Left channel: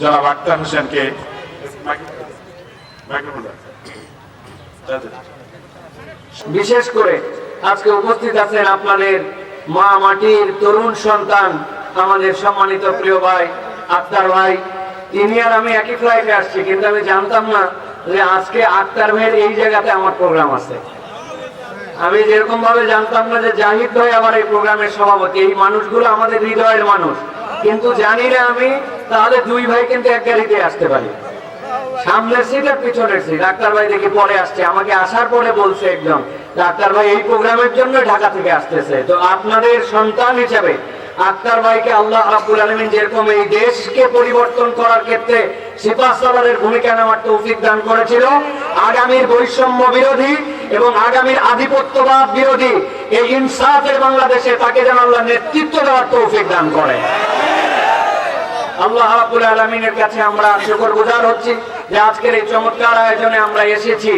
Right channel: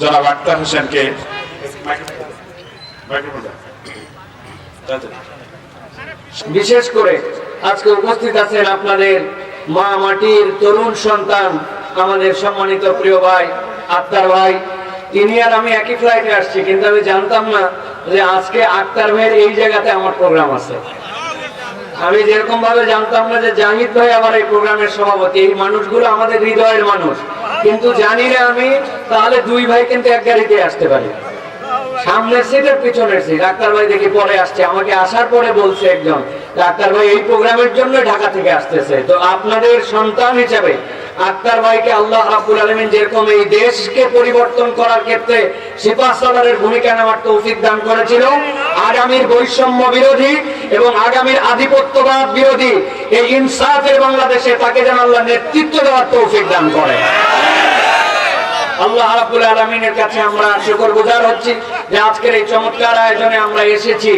জনাব আক্তার হোসেনকে বিশেষ করে আজকে উপস্থিত আছেন আপনাদের মা মাটির তরুণ সন্তান, আমাদের সম্মানিত প্রিয় ভাই, আক্তার ভাই। তিনি আর আমি একই ফ্লাইটে আসছি, কিন্তু আমি জানতাম না যে আজকে আক্তার ভাইয়ের এই জায়গাতে আমার প্রোগ্রাম আছে। আমি যেরকম ভাবে জানতাম না যে জাহিদ ভাই আবার এই প্রোগ্রামের সভাপতি, এই মানুষগুলো আমাদের হৃদয়ের মানুষ। কিন্তু জানি না আমি, তাহলে দুই ভাই কিন্তু এক গাড়িতে আসতে পারি। সামনের সিট আর পিছনের সিট ডাক্তার ভাই দেখি পরে আসছে, আমাকে আসার পরে বলছে একজন ডাক্তার ভাই, এই প্রোগ্রামের জন্য ঢাকা থেকে আসতেছে। তো আপনাদের সন্তান হিসাবে আক্তার ভাইকে আল্লাহ রাব্বুল আলামিন যেরকম এই দেশকে পরিবর্তন করার ক্ষেত্রে সিপাহ সালারের ভূমিকা নেওয়ার তৌফিক দান করেছিল, আগামীর বৈষম্য বিরোধী এবং আগামীর আধিপত্যবাদ বিরোধী এই ইনসাফের বাংলাদেশে তাকে যেন আল্লাহ নেতৃত্ব দেওয়ার তৌফিক দান করে। আল্লাহ রাব্বুল আলামিনের কাছে আমরা শুকরগুজার হচ্ছি যে আজকের এই চমৎকার আয়োজনে আমরা এসেছি।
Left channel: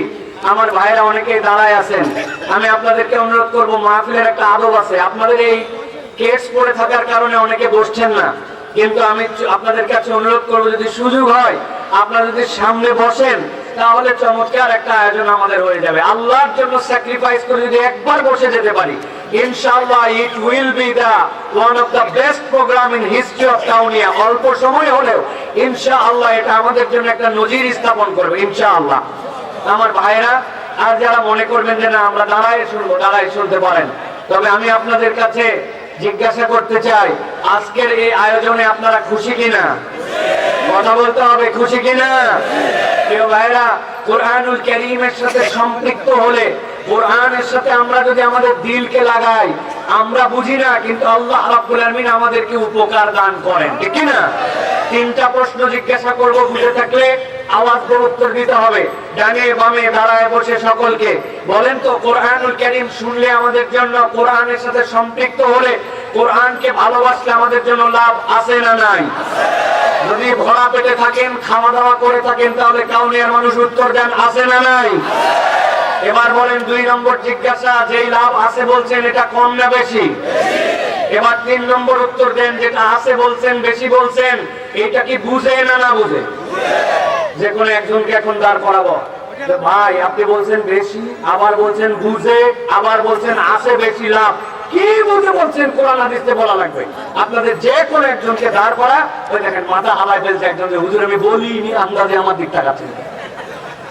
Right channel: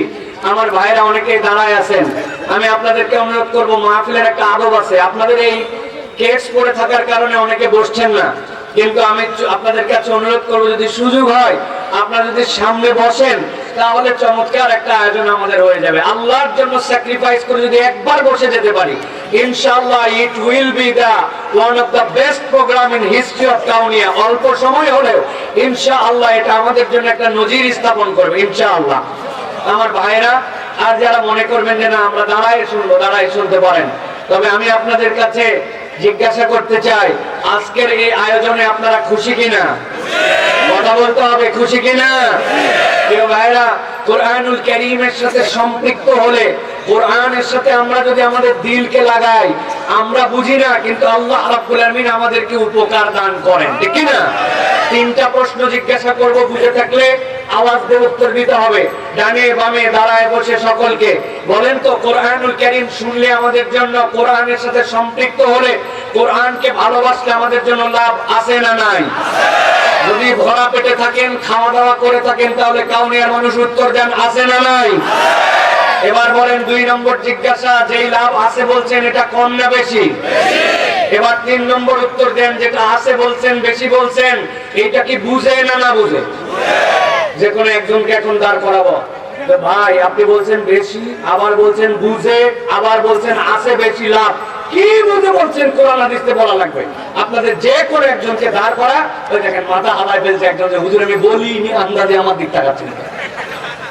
আমার ভাইরা অনেকে দাঁড়ায় আছেন। আমি আপনাদেরকে অনুরোধ করব, মাহফিলের একটা আদব আছে। আপনাদের এই কেস পড়ে থাকার কারণে অনেকে বসছেন না। কিন্তু আমি আপনাদের কাছে অনুরোধ করব, যদি সুযোগ হয়, আপনারা যদি সামনে বসেন, তাহলে চমৎকার একটা আয়োজন আমাদের হয়ে যাবে। আল্লাহর জন্য স্যাক্রিফাইস করে যদি একবার বসে যেতে পারি, ইনশাআল্লাহ it will be the one of the best program in history of Kaunia অল্প সময় হলেও, ইনশাআল্লাহ এটা আমাদের জন্য একটা নজির স্থাপন করবে, ইনশাআল্লাহ। আমার ভাইরা আর যারা মনে করবেন যে না, আমরা দাঁড়াই শুনব দাঁড়াই শুনতে পারেন। তবে আমি আপনাদের কাছে জিজ্ঞাসা করতে চাই, আজকের এই আয়োজনে আপনারা খুশি কিনা? কথা বলতে হবে, খুশি কিনা? কেউ ভাইরা কোরআনুল করিমের সাথে সম্পৃক্ত হলে কোরআনের সাথে আমরা যদি আমাদের দিলকে লাগাই, আমরা বুঝি না, কিন্তু আল্লাহ রাব্বুল আলামিন আমাদেরকে উপকার দান করেন। ঠিক না তিনটা প্রশ্ন জিজ্ঞাসা করব বুঝে থাকলে আওয়াজ দিয়ে উত্তর দিতে হবে। ডানে বামে দাঁড়ায় বসে সকলকে। বলেন তো, কোরআনুল করিম শুনলে আমাদের জন্য কোরআনের সাথে সম্পৃক্ত হলে কোরআনকে ভালোবাসলে আমাদের জন্য লাভ আছে না নাই? যদি ভরা পেটে থাকেন খাওয়া দাওয়া করে থাকেন, তাহলে কাউনিয়ার মানুষ উত্তর দেন, আছে না নাই? এবার বলেন দুই নম্বর জিজ্ঞাসা যেই লাভ আছে বলছেন এটা কম না বেশি? এবার তিন নম্বর উত্তর দেন যেটা আছে বলছেন বেশি বলছেন এইটা কি বুঝে না না বুঝে? যে কোনো একজনকে এখন দাঁড় করাবো। ভাই আপনি বলছেন বেশি আবার বলছেন বুঝে আবার বলছেন আছে বেশি লাভ। কি বুঝে বলছেন? কোরআন হাদিসে বলা লাগবে। আপনাদের যে কোনো একজনকে দাঁড় করা ওই দেখেন মাথা হাওয়ায় ফেলছে একজন যে হুজুর আমি বলিনি আন্দাজে আমার দিক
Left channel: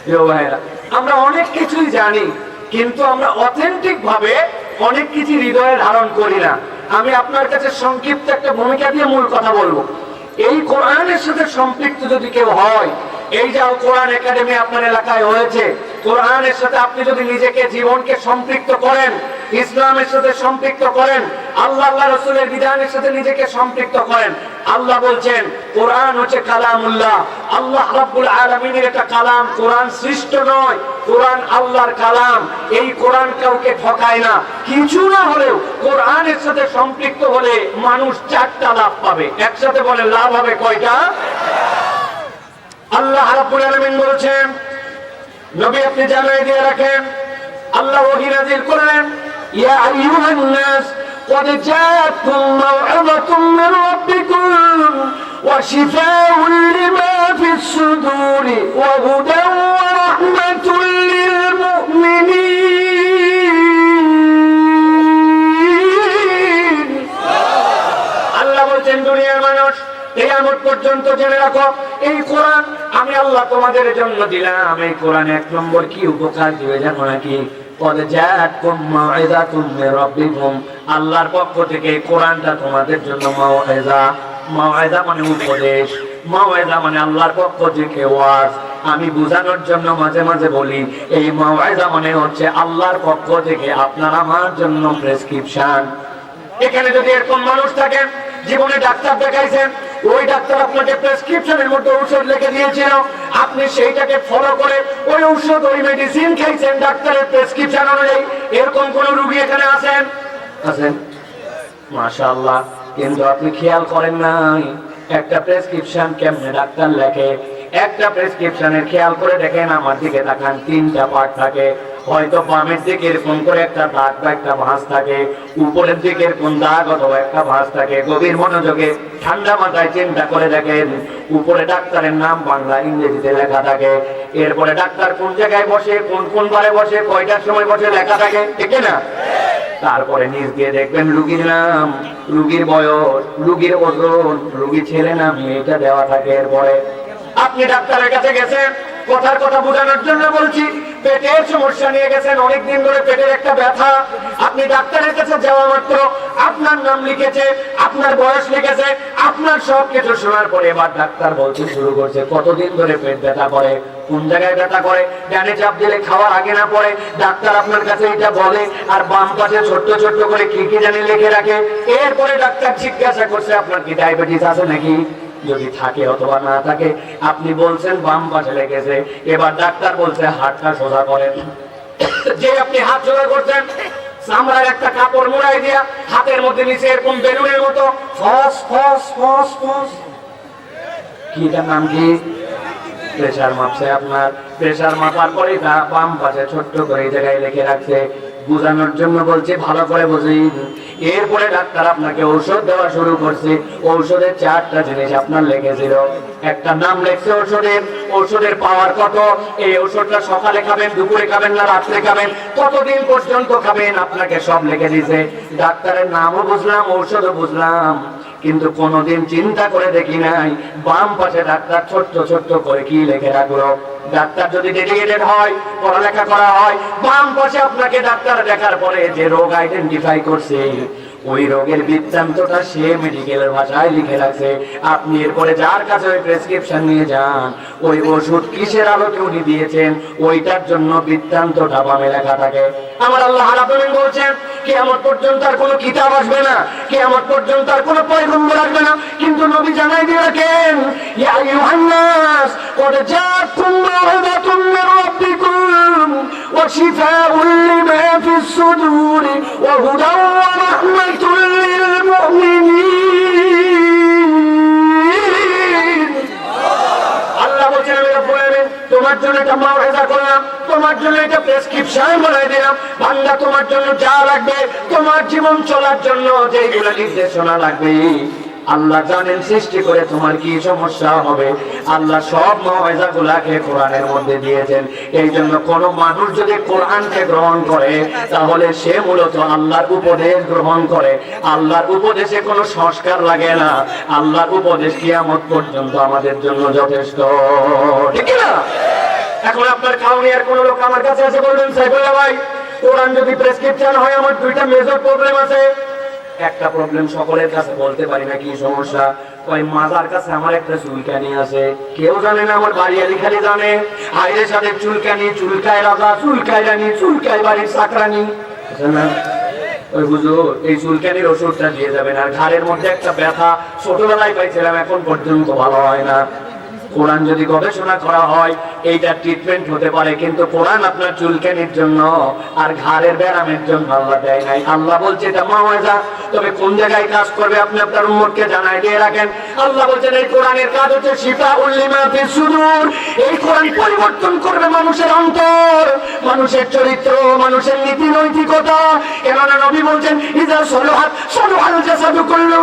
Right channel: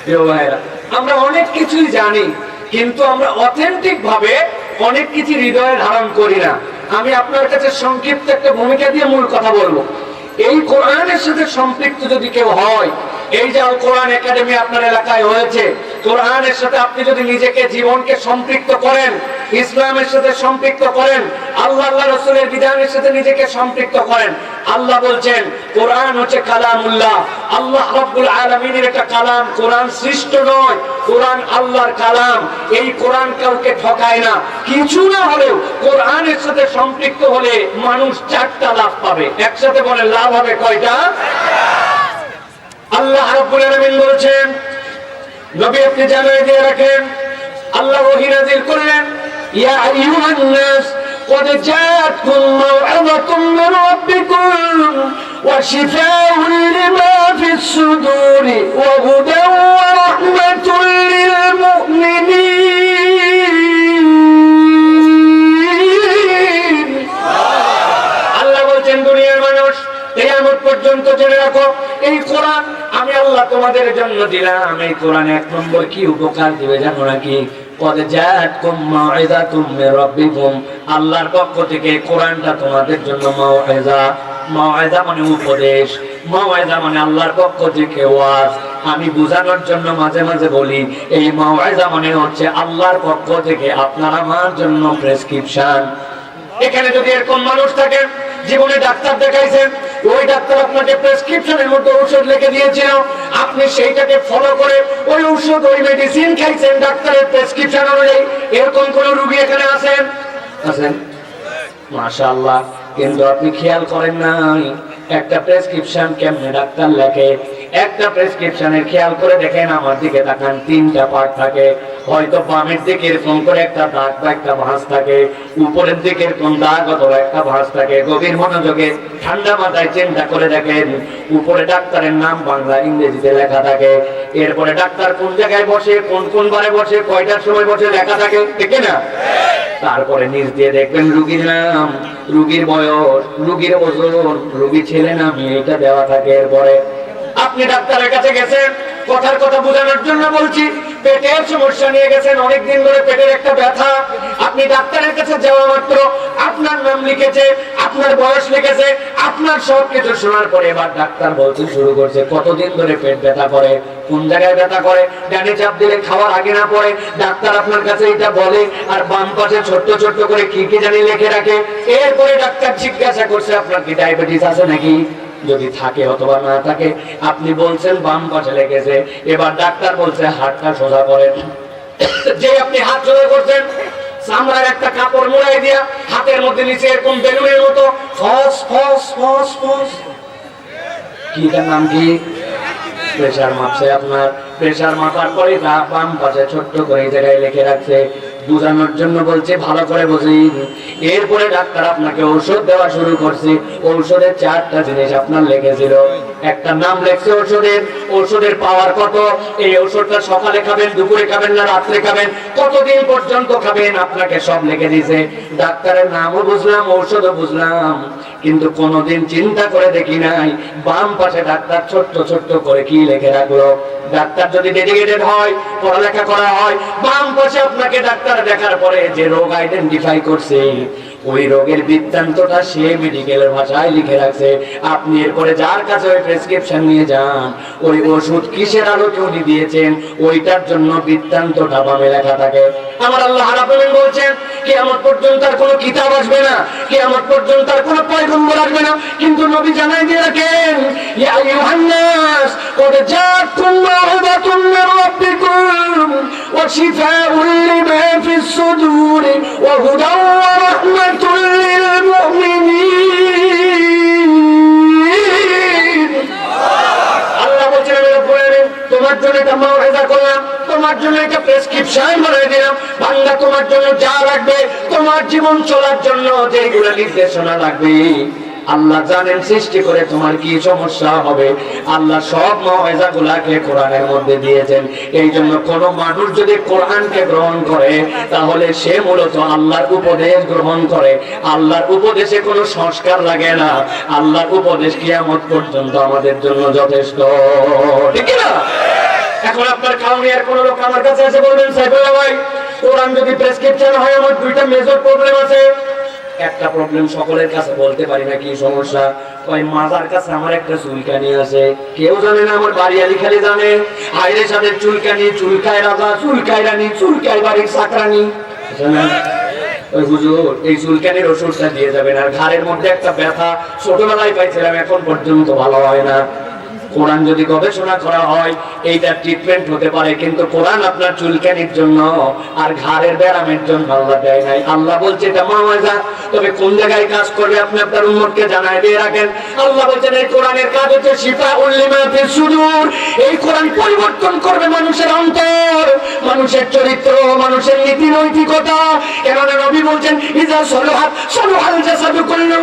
প্রিয় ভাইয়েরা, আমরা অনেক কিছুই জানি, কিন্তু আমরা অথেন্টিক ভাবে অনেক কিছু হৃদয়ে ধারণ করি না। আমি আপনার কাছে সংক্ষিপ্ত একটা ভূমিকা দিয়ে মূল কথা বলব। এই কোরআনের সাথে সম্পৃক্ত যদি কেউ হয়, এই যে কোরআন একাডেমি আপনার এলাকায় হয়েছে, কোরআনের সাথে আপনি যদি নিজেকে, জীবনকে সম্পৃক্ত করেন, ইসলামের সাথে সম্পৃক্ত করেন, আল্লাহ আল্লাহ রসুলের বিধানের সাথে নিজেকে সম্পৃক্ত করেন আল্লাহ বলছেন, কোরআন হচ্ছে কালামুল্লাহ। আল্লাহ রাব্বুল আলামিনের একটা কালাম, কোরআন সৃষ্ট নয়, কোরআন আল্লাহর কালাম। এই কোরআন কাউকে ঠকায় না। কিছু না হলেও কোরআনের সাথে সম্পৃক্ত হলে মানুষ চারটা লাভ পাবে। একসাথে বলে লাভ হবে কয়টা? আল্লাহ রাব্বুল আলামিন বলেছেন, নবী আপনি জানিয়ে দিয়ে রাখেন, আল্লাহ ওহী নাযিল করলেন, ইয়া আইয়ুহান নাস قد جاءتكم موعظة من ربكم وشفاء لما في الصدور وهدى ورحمة للمؤمنين আল্লাহ বলছেন দুনিয়ার মানুষ কিয়ামত পর্যন্ত জেনে রাখো এই কোরআন আমি আল্লাহ তোমাদের জন্য দিলাম এই কোরআন এক নম্বর কি উপকার দিবে জানো নাকি আল্লাহর পক্ষ থেকে কোরআনটা তোমাদের জন্য মানে উপদেশ। মাউইযা মানে আল্লাহর পক্ষ থেকে ওয়াজ। আমি বোঝানোর জন্য মাঝে মাঝে বলি, এই মাউইযা মানে হচ্ছে আল্লাহর পক্ষ থেকে আপনার আমার জন্য প্রেসক্রিপশন এখানে যদি এরকম মানুষ থাকে, জীবনে ডাক্তার দেখাইছেন ওই ডাক্তার আপনাকে প্রেসক্রিপশনের মধ্যে ঔষধ লিখে দিয়েছিল। আপনি সেইটাকে ফলো করে ওই ঔষধ, ওই মেডিসিন খাইছেন, ডাক্তারের প্রেসক্রিপশন অনুযায়ী। এরকম কোন রুগী এখানে আছেন? আছেন? মাশাআল্লাহ। কিন্তু আপনি খেয়াল করেন নাই। একটা প্রেসক্রিপশন কেমনে ডাক্তার লেখে? একটা প্রেসক্রিপশনে খেয়াল করে দেখেন, আমার দিকে তাকান, তিনটা পার্ট থাকে। হয়তো বামের দিকে এরকম করে একটা দাগ বা একটা ভাঁজ থাকে, উপরের দিকে এরকম দাগ অথবা একটা ভাঁজ থাকে। গভীর মনোযোগে, ঠান্ডা মাথায় চিন্তা করে দেখেন, উপরে ডাক্তারের নাম বাংলা, ইংরেজিতে লেখা থাকে। এরপরে ডাক্তার কোন জায়গায় বসে, কোন কোন বারে বসে, কয়টার সময় বসে লেখা থাকে, ঠিক না তারপরে নিজ দিয়ে দেখবেন রুগীর নাম, রুগীর বয়স, রুগীর ওজন, রুগী ছেলে না মেয়ে এটা দেওয়া থাকে এরপরে। আপনি ডাক্তারের কাছে গেছেন কথার কথা বোঝানোর জন্য বলছি, পেটের সমস্যা নিয়ে গেছেন, অনেকদিন ধরে পেটের একটা ব্যথা। আপনি ডাক্তারের কাছে যাওয়া মাত্র, আপনার নাম লিখেছে, আপনার বয়স লিখেছে, আপনার সব কিছু শোনার পরে এবার ডাক্তার বলতে শুরু করছে, কতদিন ধরে পেট ব্যথা করে, কোন জায়গায় ব্যথা করে, ডানে চাপ দিলে খাওয়া আগে না পড়ে ডাক্তার আপনার কাছে এটা বলে, আর বাম পাশে ছোট্ট ছোট্ট করে কি কি জানি লিখে রাখে। এরপরে ডাক্তার জিজ্ঞাসা করছে, আপনার কি ডায়াবেটিস আছে নাকি? যদি থাকে অথবা না থাকে, আপনি বলছেন বাম পাশে লেগেছে, এবার ডাক্তার বলছে হাতটা সোজা করেন। যে আপনি হাত সোজা করছেন, চামড়ার একটা কাপড় মোড়াই দিয়া হাতের মধ্যে নিচে এরকম বেলুনের মতো ফস ফস ফস ফস। কি নাম কি? প্রেশার মাপছে আপনার। প্রেশার মাপার পরে বাম পাশে ছোট্ট করে জায়গায় লিখে রাখছে বুঝানোর জন্য বলছে, ভালো করে বুঝি এরপরে ডাক্তার আপনাকে ঔষধ দেওয়া শুরু করছে। ঔষধের চারটা জিনিস আপনার লেগেছিল। একটা নাম লেখছে ঔষধের। ঔষধের পাওয়ার কত? এই ঔষধটা সকালে খাবেন, দুপুরে খাবেন না রাত্রে খাবেন? কতদিন পর্যন্ত খাবেন? আপনাকে সব লেগে দিয়েছে। ডাক্তারের নামও বুঝলাম, ঔষধও বুঝলাম। কিন্তু কোনোদিন চিন্তা করে দেখি নাই। বাম পাশে ডাক্তার ছোট্ট ছোট্ট করে কি লেখে রাখল? ডাক্তার যদি ডেডিকেটেড হয়, পড়ালেখা করা হয়, বাম পাশে আপনাকে ডাক্তার দেখার পরে যে রোগ আইডেন্টিফাই করছে ওই রোগের বৃত্তান্তটা সে মেডিকেলের ভাষায় লিখে রাখছে। আপনি এরপরে যার কাছে ওই প্রেসক্রিপশন নিয়ে যান, ওই ওষুধ কিসের আলোকে উনি দিয়েছেন, ওইটার জন্য বৃত্তান্তটা পাবে লেখা থাকে। আমার আল্লাহ রাবুল বলছেন কেমন পর্যন্ত তার কোনো কিতাব আসবে না কেমন পর্যন্ত তার কোনো পয়গম্বর আসবে না। কিন্তু নবী জানাই দিয়ে রাখেন, ইয়া ইউহান্নাস কদ জাআকুম রাহমাতুম মির রাব্বিকুম। وشفاء لما في الصدور وهدى ورحمة للمؤمنين আল্লাহ বলছেন আমি রব্বুল আলামিন, তোমার জন্য এটা মাওয়াজা করলাম তোমার জন্য এটা প্রেসক্রিপশন বানাই দিলাম বান্দা তোমার জন্য যা লাগবে তোমার জীবন চলার জন্য যেগুলো নির্দেশনা লাগবে আল্লাহ জানেন সৃষ্টি করে তোমার কি সমস্যা হবে? আল্লাহ সব ময়জা গুলাকে কোরআনের মধ্যে দিয়েছেন। এই জন্য কোন মানুষ যদি কোরআনকে গ্রহণ করে, তাহলে সে মূলত আল্লাহর উপদেশ গ্রহণ করে। আল্লাহর উপদেশে কোনো সংস্কার লাগে না। আল্লাহর উপদেশ কিয়ামত পর্যন্ত আমাদের জন্য যথেষ্ট। ঠিক না? এখন আপনার খাওয়ানিয়ার কোন লোক আমার কাছে এসে বলবেন, সাইফুল্লাহ ভাই, কোরআন যদি প্রেসক্রিপশন হয়, আমার দুইটা মেজর প্রবলেম আছে। একটা প্রবলেম সকলের কাছে বলতে পারি না, কি সমস্যা? ওই মাজার কাছে আমার একটা চুলকানি আছে। কেউ জানে না, আমার বাড়িয়ালি খালি জানে। আইরের সাথে চুলকানি, চুলকায় রাজা, চুলকায় রানী, চুলকায় বাড়ির বুঝলেন ওই হুজুর, এই চুলকানির ওষুধটা দিয়ে যাবেন। আর ঘাড়ের মধ্যে একটা ব্যথা ছোটবেলায় পাইছিলাম, এখন পর্যন্ত ভালো হয় না। কোরআন যদি গবেষণা করা হয়, এইটা ট্রিটমেন্ট হতে পারে। কিন্তু কোরআন আপনার চুলকানির জন্য আর ঘাড়ের ব্যায়ামের জন্য আল্লাহ দেয় নাই। আল্লাহ বলছে, এটা মাওয়াজা তবে কোন জায়গায় কাজ করবে আপনি আপনার উম্মতকে জানাই দিয়ে রাখেন? আল্লাহ বলছেন, এই কোরআনের কাজ হচ্ছে শিফা উল্লিমা ফি সুদূর। এই কোরআন পরিবর্তন করবে মানুষের অন্তর। মানুষের চরিত্র, মানুষের নীতি, নৈতিকতা। কেননা নবী বলছেন ইজা সলহাত, সলহাল জাসাদু কুল্লু,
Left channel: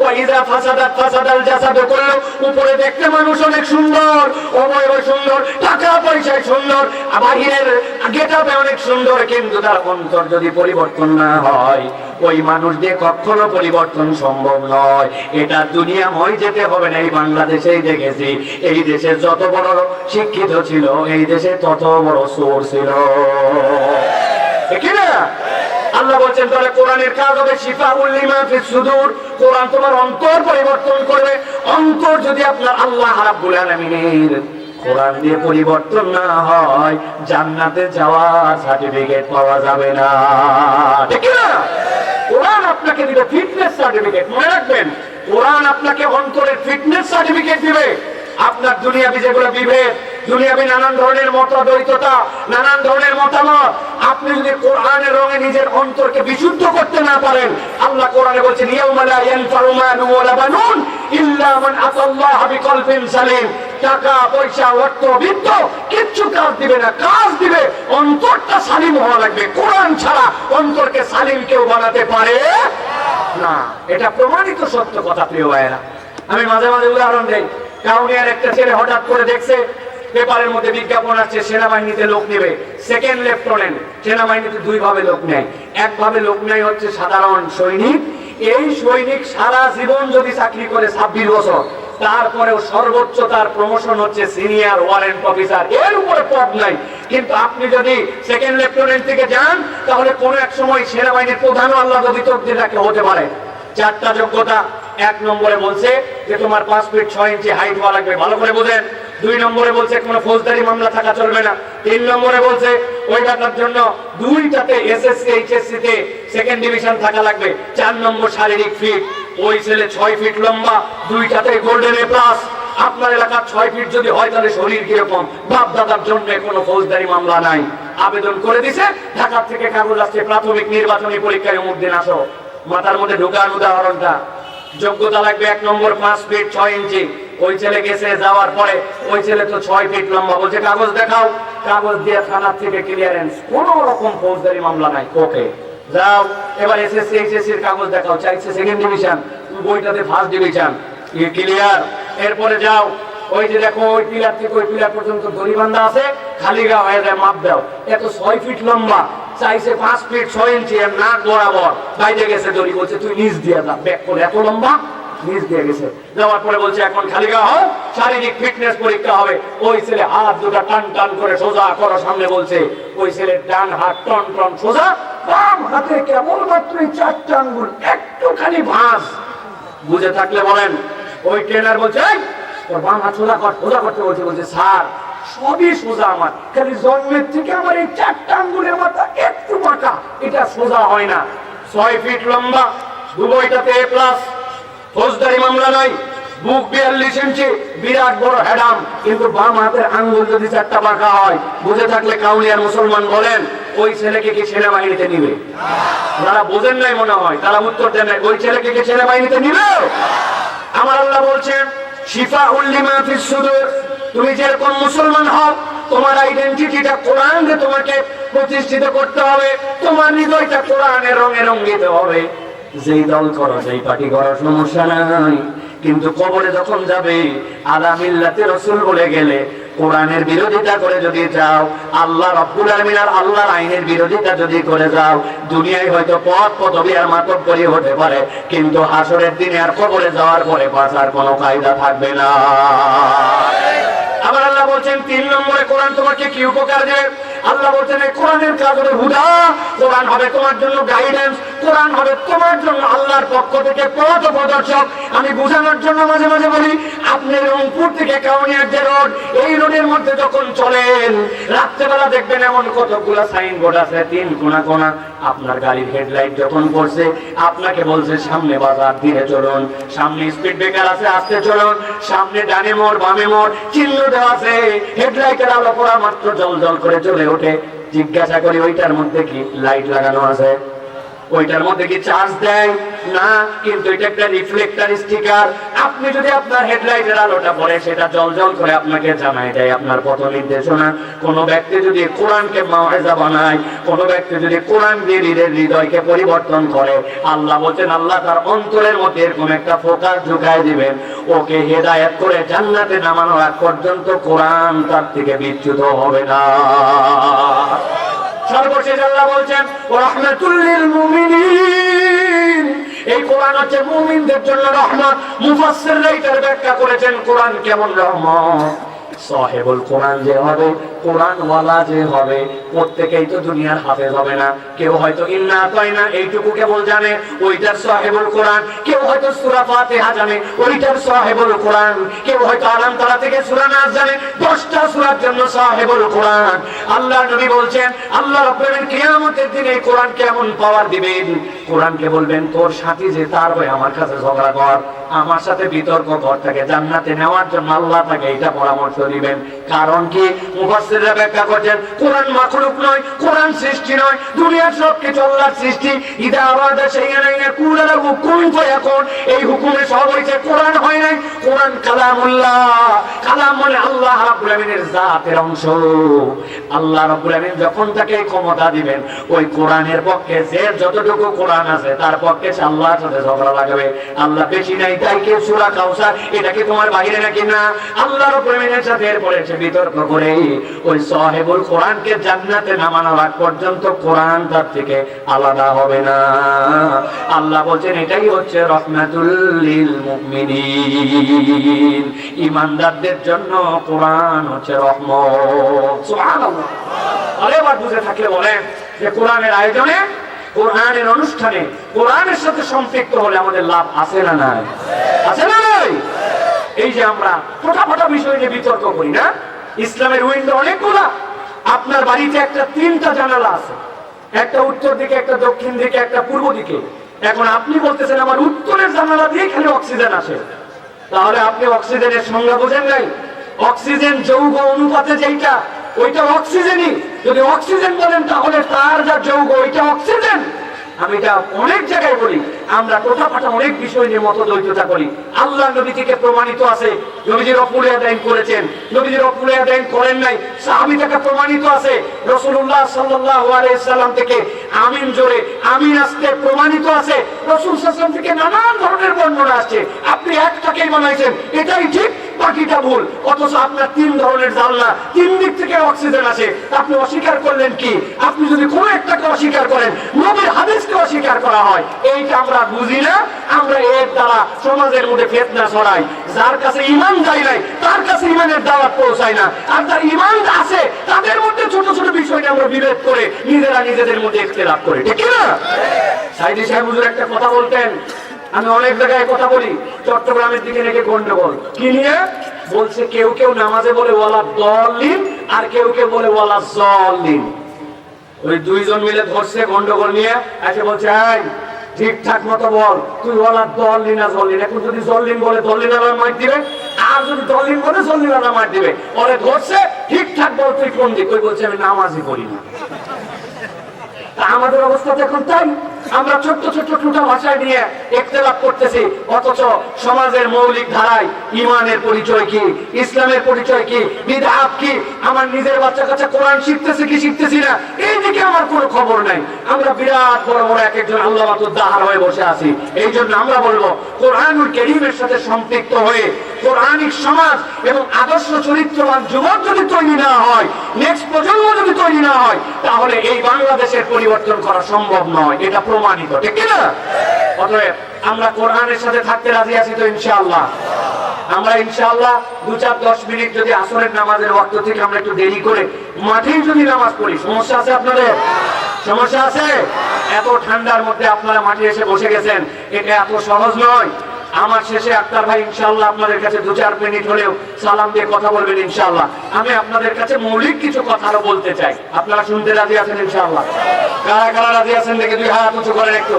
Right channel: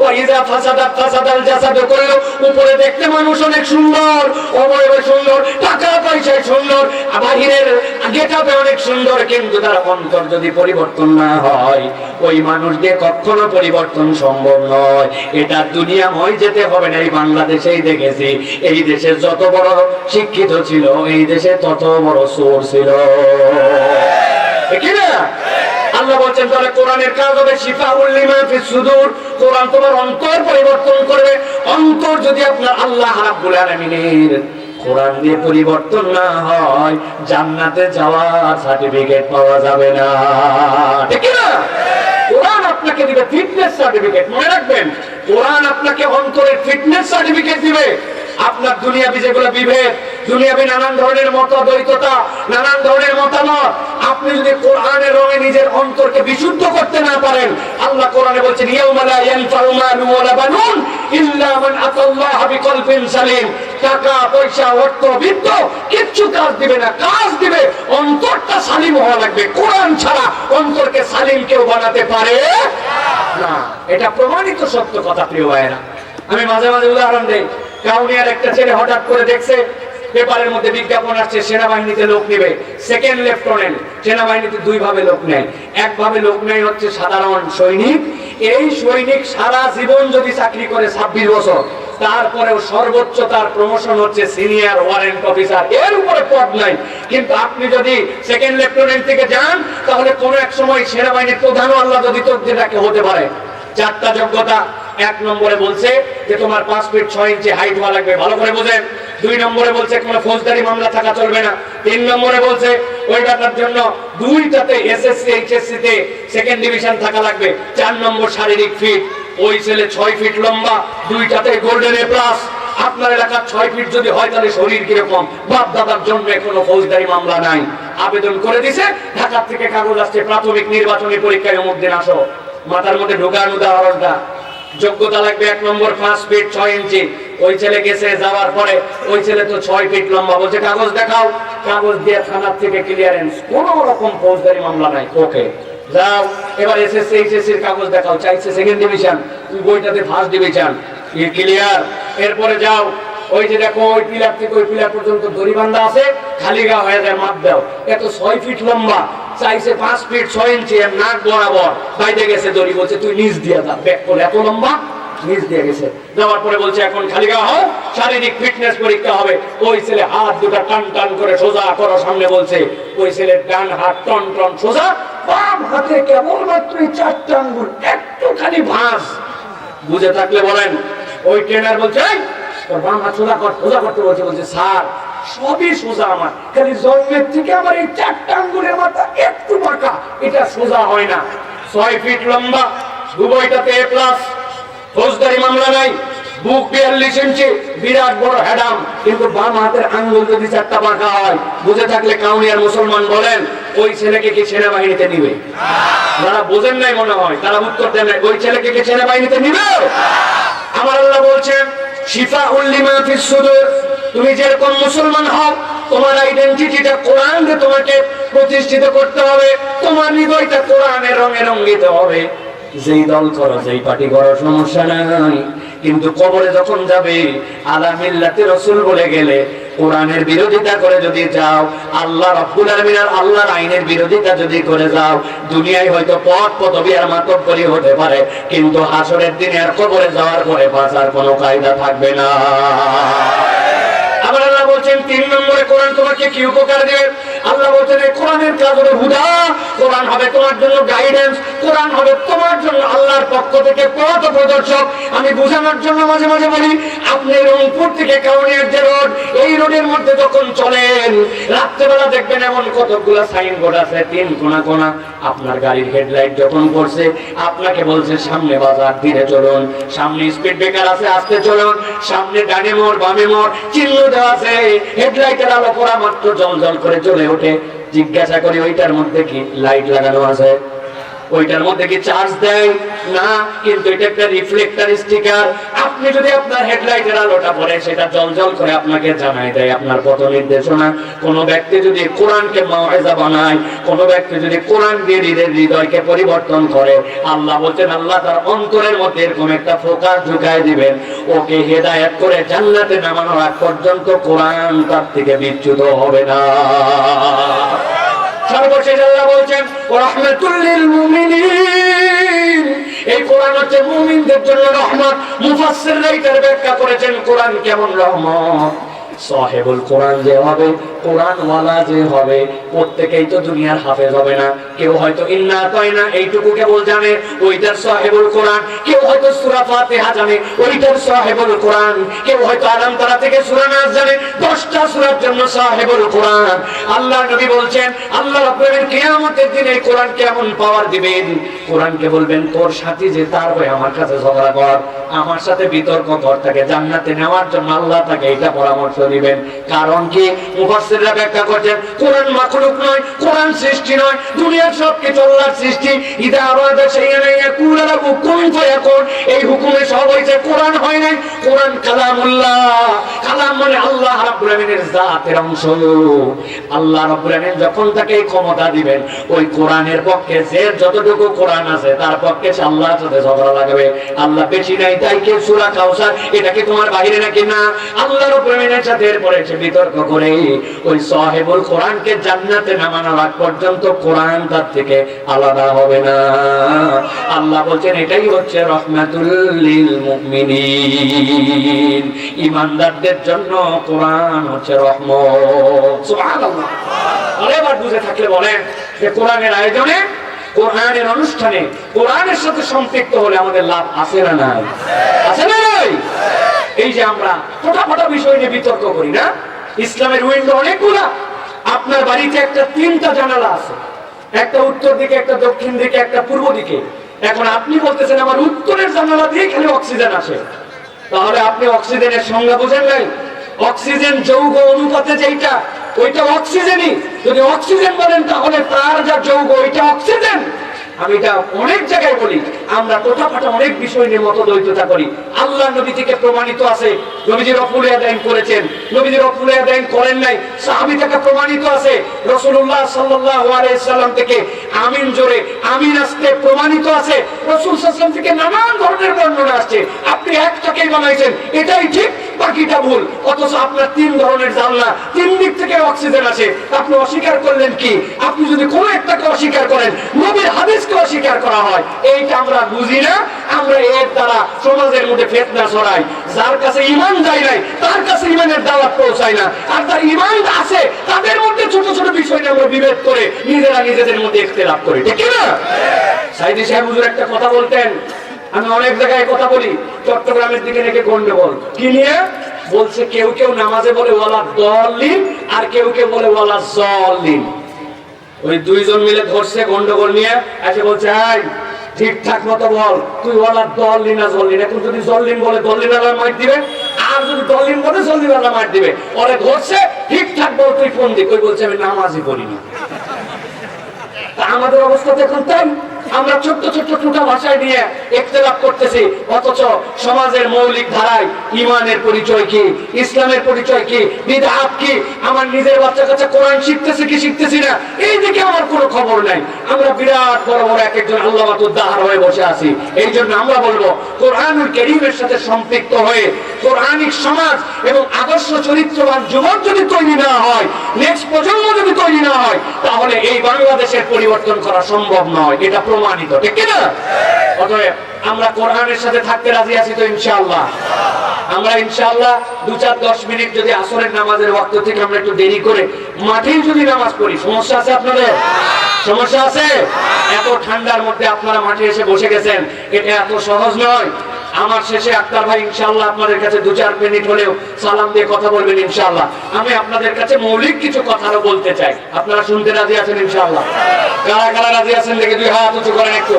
ওয়া ইজা ফাসাদাত, ফাসাদাল জাসাদু কুল্লু। উপরে দেখতে মানুষ অনেক সুন্দর, অবয়ব সুন্দর, টাকা পয়সায় সুন্দর বাহিরের গেটাপে অনেক সুন্দর, কিন্তু তার অন্তর যদি পরিবর্তন না হয়, ওই মানুষ দিয়ে কখনো পরিবর্তন সম্ভব নয়। এটা দুনিয়াময় যেতে হবে না, এই বাংলাদেশেই দেখেছি। এই দেশে যত বড় শিক্ষিত ছিল, এই দেশে তত বড় সোর ছিল। ঠিক না? আল্লাহ বলছেন, তাহলে কোরআনের কাজ হবে শিফা উল্লিমা সুদূর। কোরআন তোমার অন্তর পরিবর্তন করবে। অন্তর যদি কোরআন দিয়ে পরিবর্তন না হয়, জান্নাতে যাওয়ার সার্টিফিকেট পাওয়া যাবে না। ঠিক না? কোরআন আপনাকে দিবে ফিটনেস সার্টিফিকেট মনে রাখবেন, কোরআন আপনাকে অন্তরের ফিটনেস সার্টিফিকেট দিবে। আপনার দুনিয়াবি যেগুলো বিভেদ, দুনিয়াবি নানান ধরনের মত দ্বৈততা নানান ধরনের মতামত। আপনি যদি কোরআনের রঙে নিজের অন্তরকে বিশুদ্ধ করতে না পারেন, আল্লাহ কোরআনে বলছেন, ইয়াউমা লা ইয়ানফাউ মালুন ওয়ালা বানুন ইল্লা মান আতাল্লাহ বিকলবিন সালিম টাকা, পয়সা, অর্থ, বিত্ত, কিচ্ছু কাজ দিবে না, কাজ দিবে। অন্তরটা সালিম হওয়া লাগবে। কোরআন ছাড়া অন্তরকে সালিম কেউ বানাতে পারে না। এটা প্রমাণিত সত্য কথা, প্রিয় ভাইয়েরা। আমি মাঝে মাঝে উদাহরণ দেই। কাউনিয়ার একটা ছেলে হঠাৎ করে দেখছে, পেপারের মধ্যে বিজ্ঞাপন আসছে, সেনাবাহিনীতে লোক নেবে। সেকেন্ড লেফটেন্যান্ট সেনাবাহিনীতে দুই ভাবে লোক নেয়। এক ভাবে লোক নেয় হচ্ছে সাধারণ সৈনিক। এই সৈনিক সারা জীবন যদি চাকরি করে ছাব্বিশ বছর, তারপরেও সর্বোচ্চ তার প্রমোশন হচ্ছে সিনিয়র ওয়ারেন্ট অফিসার এর উপরে পদ নাই। কিন্তু আপনি যদি সেকেন্ড লেফটেন্যান্ট থেকে যান, তাহলে কোন এক সময় সেনাবাহিনীর প্রধান আল্লাহ যদি তকদির রাখে, হতে পারে। চারটা যোগ্যতা এক নম্বরে বলছে যে তোমার পাঁচ ফিট ছয় ইঞ্চি হাইট হওয়া লাগবে। ভালো করে বোঝেন। দুই নম্বরে বলছে, কোনো ফৌজদারি মামলা থাকা চলবে না। তিন নম্বরে বলছে, ওই ডাটার জন্য দুইটাতে এসএসসি এইচএসসি তে সেকেন্ড ডিভিশন থাকা লাগবে। চার নম্বর শারীরিক ফিট ওই ছেলে ছয় ফিট লম্বা, দুইটাতে গোল্ডেন এ প্লাস আপনার এলাকার ছয় ফিট যদি হয়, তাহলে শরীর কীরকম? বাপ দাদার জন্য কোনো ফৌজদারি মামলা নাই। আবেদন করে দিছে, ঢাকার থেকে কাগজ আসছে, প্রাথমিক নির্বাচনী পরীক্ষায় অমুক দিন আসো। মাথার মধ্যে ঢোকান উদাহরণটা। যোগ্যতা লাগবে এক নম্বর পাঁচ ফিট ছয় ইঞ্চি। ওই ছেলে গেছে যাওয়ার পরে ওই ছেলে তো ছয় ফিট লম্বা। বলছে কাগজ দেখাও। কাগজ দিয়ে থানার থেকে ক্লিয়ারেন্স কোন রকম ফৌজদারি মামলা নাই। ওকে যাও এবার এসএসসি এইচএসসি এর কাগজ দেখাও। চাইছে সেকেন্ড ডিভিশন বইটাতে ফার্স্ট ডিভিশন ক্লিয়ার এরপরে যাও। ওই যে দেখো ওই পিলার থেকে ওই পিলার পর্যন্ত দড়ি বান্ধা আছে খালি গা হয়ে যায় মাপ দাও। এত ছয় ফিট লম্বা চাইছে পাঁচ ফিট ছয় ইঞ্চি আর নাক বরাবর বাইরে গেছে দড়ি বলছে তুই নিচ দিয়ে দা ব্যাক করে। এত লম্বা নিচ দিয়ে গেছে। যাওয়ার পরে বলছে এখন খালি গা হও শারীরিক ফিটনেস পরীক্ষা হবে। ওই ছেলে হাত দুটা টান টান করে সোজা করো সামনে বলছে ওই ছেলে ডান হাত টন টন সোজা বাম হাতে কেবলমাত্র চারটা আঙ্গুল একটুখানি ভাঁজ। বুঝে থাকলে বলেন ওই ট্রেনার বলছে "এই, কর বলছে বলছে সবই সোজা আমার। খালি থেকে আমার এই চারটা মাথা একটু বাঁকা, এটা সোজা হয় না। ছয় ফিট লম্বা ফৌজদারি মামলা নাই, বুক বিরাট বড় হেডাম কিন্তু বাম হাতের আঙ্গুল যদি চারটা বাঁকা হয়, বুঝে থাকলে কাউনিয়ার মুসলমান বলেন, ওই ছেলেকে কি সেনাবাহিনীতে নিবে? যারা বোঝেন নাই মনে হয়, তারা উত্তর দেন ওই ছেলেকে কি সেনাবাহিনীতে নিবে? আমার আল্লাহ বলছেন শিফা উল্লিমা ফিস সুদূর। তুমি যেরকম মুসলমান হও, তোমার আইডেন্টিটিটা কোরআন তোমাকে প্রতিষ্ঠিত করতে হবে, তোমার হৃদয়টা কোরআনের রঙে রঙ্গিত হবে। যেই দল করো, যেই পার্টি করো, সমস্যা নাই। কিন্তু কবরে যখন যাবে আলামিল্লাতে রসুল বলে গেলে কোরআনের বিরোধিতা করে যদি যাও, আল্লাহ রব্বুল আলমিন আর আল্লাহর আইনের বিরোধিতা যদি করে যাও, দুনিয়ায় হয়তো পথ পদবি আর মাতব করি হতে পারে, কিন্তু হাসরের দিনে আর কবরে যাওয়ার পরে বাঁচার কোনো কায়দা থাকবে না। আল্লাহ বলছেন, তিন নম্বরে কোরআন তোমাকে কি উপকার দেবে? আল্লাহ বলছেন, এই কোরআনের কাজ হবে হুদা। কোরআন হবে তোমার জন্য গাইডেন্স কোরআন হবে তোমার জন্য আল্লাহর পক্ষ থেকে পথ প্রদর্শক। আমি বোঝানোর জন্য মাঝে মাঝে বলি, আপনি রংপুর থেকে কাউনিয়ার যে রোড, এই রোডের মধ্যে যখন চলেন, রাত্রেবেলা দেখবেন এমন কতগুলো সাইনবোর্ড আছে, তিন কোনা কোনা। আপনার গাড়ির হেডলাইট যখন পড়ছে, আপনাকে বলছে, সামনে বাজার, ধীরে চলুন। সামনে স্পিড ব্রেকার আছে, আস্তে চলুন। সামনে ডানে মোড়, বামে মোড়, চিহ্ন দেওয়া আছে। হেডলাইটের আলো পড়া মাত্র জল জল করে চলে ওঠে। জিজ্ঞাসা করি, ওইটার মধ্যে কি লাইট লাগানো আছে? ওইটার মধ্যে কি চার্জ দেয়? না, কিন্তু এটা একটা রিফ্লেক্টর স্টিকার আপনি যদি আপনার হেডলাইটের আলোটা পড়ে সেটা জল জল করে আপনাকে জানাই দেয়। আপনার পথ নির্দেশনা। কোন ব্যক্তি যদি কোরআনকে মাওয়াজা বানায়, কোন ব্যক্তি যদি কোরআন দিয়ে নিজের হৃদয়কে পরিবর্তন করে, আল্লাহ বলছেন, আল্লাহ তার অন্তরের মধ্যে এরকম একটা ফোকাস ঢুকায় দিবেন। ওকে হেদায়েত করে জান্নাতে নামানোর আগ পর্যন্ত কোরআন তার থেকে বিচ্যুত হবে না। সর্বশেষ আল্লাহ বলছেন রহমাতুল্লিল মুমিনিন। এই কোরআন হচ্ছে মুমিনদের জন্য রহমত। মুফাসসিররা এটার ব্যাখ্যা করেছেন, কোরআন কেমন রহমত? সাহেবুল কোরআন যে হবে, কোরআনওয়ালা যে হবে, প্রত্যেকেই তো দুনিয়ার হাফেজ হবে না। কেউ হয়তো ইন্না তাই না, এইটুকু কেবল জানে, ওইটার সাহেবুল কোরআন। কেউ হয়তো সূরা ফাতিহা জানে, ওইটার সাহেবুল কোরআন। কেউ হয়তো আলাম তারা থেকে সূরা নাস জানে, দশটা সূরার জন্য সাহেবুল কোরআন। আল্লাহ নবী বলছেন, আল্লাহ রাব্বুল কিয়ামতের দিনে কোরআন কেমন পাওয়ার দিবেন? কোরআনকে বলবেন, তোর সাথী যে তার হয়ে আমার কাছে ঝগড়া কর, আমার সাথে বিতর্ক কর, তাকে জান্নাতে নেওয়ার জন্য আল্লাহ তাকে এটা পরামর্শ দিবেন কারণ কি? মুফাসসিররা ব্যাখ্যা করছেন, কোরআন মাখলুক নয়, কোরআন সৃষ্টি নয়, দুনিয়ার সব কিছু আল্লাহর সৃষ্টি। ইদা আবাদা শাইআন ইয়াকুল লাহু কুন ফায়াকুন। এই হুকুমে সব হয়েছে কোরআন হয় নাই। কোরআন কালামুল্লাহ। কালাম মানে আল্লাহ রাব্বুল আলামিনের জাতের অংশ। আল্লাহ রাব্বুল আলামিন যখন তাকে ক্ষমতা দিবেন, ওই কোরআনের পক্ষে যে যতটুকু কোরআন আছে, তার পক্ষে সে আল্লাহর সাথে ঝগড়া লাগবে। আল্লাহ বেশি নাই, তাই কে সূরা কাউসার এটা কি তোমার বাইরে নাকি না? আল্লাহ রাব্বুল আলামিনের এরপরে সে বিতর্ক করে, ওই সাহেবুল কোরআনকে জান্নাতে নামানোর আগ পর্যন্ত কোরআন তার থেকে আলাদা হবে না। আল্লাহ বলছেন, এটাই হচ্ছে রহমাতুল লিল মুমিনিন। ইমানদারদের জন্য কোরআন হচ্ছে রহমত। সুবহানাল্লাহ। আরে এবার বুঝে থাকলে বলেন যে কোরআনের আয়োজনে, কোরআনের অনুষ্ঠানে, কোরআনের সাথে সম্পৃক্ত হলে আমাদের লাভ আছে না নাই? এই যে আমরা ফোটা ফোটা বিষয় নিয়ে বিতর্ক করি, না? ইসলামের উইন্ডো অনেকগুলা। আপনার বাড়িতে একটা তিনটা জানালা আছে। একটা উত্তর দিকে, একটা দক্ষিণ দিকে, একটা পূর্ব দিকে। এখন আপনি বলতেছেন, আমার উত্তরের জানালা দিয়ে খালি অক্সিজেন আসে। তাহলে আপনি অক্সিজেনের সংজ্ঞা বোঝেন নাই? অক্সিজেন যৌগ অনুপাতে যেটা ওইটা অক্সিজেনই। যদি অক্সিজেন বলেন, তাহলে তার যা যৌগ, ওইটা অক্সিজেন। আমি এটা অনেক জায়গায় বলি, আমরা তোটাফাটা অনেক বিষয় নিয়ে করি। আল্লাহ নবী থেকে প্রমাণিত আছে, নবীজির করেছেন, নবীজির করেন নাই, সাহাবী থেকে প্রমাণিত আছে আলাইহি সাল্লাম থেকে আমিন জোরে আমিন আসতে প্রমাণিত আছে, রাসূল সাল্লাল্লাহু থেকে নানান ধরনের বর্ণনা আসছে। আপনি একটাকেই বানাইছেন, এটাই ঠিক বাকিটা ভুল, অথচ আপনার তিন ধরনের জানলা, তিন দিক থেকে অক্সিজেন আসে। আপনি অস্বীকার করলেন কি? আপনি যদি কোনো একটাকে অস্বীকার করেন, নবীর হাদিসকে অস্বীকার করা হয়। এইটা আমরা বুঝি না, আমরা এর দ্বারা সমাজের মধ্যে ফেতনা ছড়াই। যার কাছে ইমান যায় নাই, তার কাছে ইমানের দাওয়াত পৌঁছায় না। আর যার ইমান আছে, তাদের মধ্যে ছোট ছোট বিষয় নিয়ে আমরা বিভেদ করে নিজেরা নিজেদের মধ্যে ইখতিলাফ করি। ঠিক না? সাইদি সাহেব হুজুর একটা কথা বলতেন আমি অনেক জায়গায় কথা বলি, চট্টগ্রামের দিকে নাকি গন্ডগোল। কি নিয়ে? বলছে কেউ কেউ নামাজে বলে ওয়ালা দলিন আর কেউ কেউ বলে ওয়ালা জলিন ওই দুইজন মিলে ধরছে গন্ডগোল নিয়ে, এসে বলছে ঠিকঠাক মতো বল, তুই ওয়ালা দলিন আর জলিন এখন যদি জলিন বলে দলিন আর মার দিবে, আর যদি দলিন বলে জলিন আর মার দিবে, ওরে ধরছে, ঠিকঠাক বল তুই কোন দিক? ওই বলছে, আমি নামাজই পড়িনি। আমাদের অবস্থা তো এখন তাই। আমরা ছোট্ট ছোট্ট টুটা ভাষায় নিয়ে একতলাপ করতেছি। অথচ সমাজের মৌলিক ধারায় ইমানের পরিচয় কি? ইসলামের পরিচয় কি? বিধাত কি? আমার নিজের বাচ্চা কাছে কোরআন শিখতেছি কি শিখতেছি না? এই দিকে আমার কোনো খবর নাই। আমরা বিরাট বড় বড় এক একজন আল্লাহ দাহার হয়ে বসে আছি। এই জন্য আমরা বলব, কোরআনুল করিমের সাথে সম্পৃক্ত হয়ে কোরআনিক সমাজ এবং আদর্শ চরিত্রবান যুবক যদি তৈরি না হয় নেক্সট প্রজন্ম যদি তৈরি না হয়, তাহলে এই বাংলাদেশের পরিবর্তন করা সম্ভব নয়। এটা প্রমাণিত, ঠিক না অতএব আমরা কোরআনের সাথে থাকতে রাজি আছি তো ইনশাআল্লাহ। আমরা ইনশাআল্লাহ দু চার দশ মিনিট যদি আসরের নামাজের ওয়াক্ত থেকে আমরা একটু দেরি করে মাঠেই যদি নামাজ পড়ি, সমস্যা আছে আপনাদের? সমস্যা আছে? এত ঠান্ডার মধ্যে আপনারা মাঠে এসে বসে গেছেন, এটা এত সহজ নয়। আমার শেষে আক্তার ভাই, ইনশাআল্লাহ আপনাদের কাছে দু চার মিনিট হলেও সালাম দিয়ে কথা বলবেন, ইনশাআল্লাহ। আমি আপনাদের কাছে মৌলিক কিছু কথা আরও বলতে চাই। আপনারা শুনতে রাজি আছেন ইনশাল্লাহ কারা কারা রাজি আছেন দেখে দুই হাত উঁচু করেন একটু।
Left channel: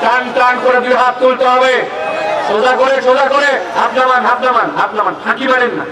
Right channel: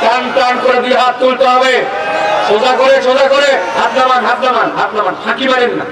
টান টান করে দুই হাত তুলতে হবে। সোজা করে সোজা করে। হাত নামান হাত নামান হাত নামান। ফাঁকি মারেন না।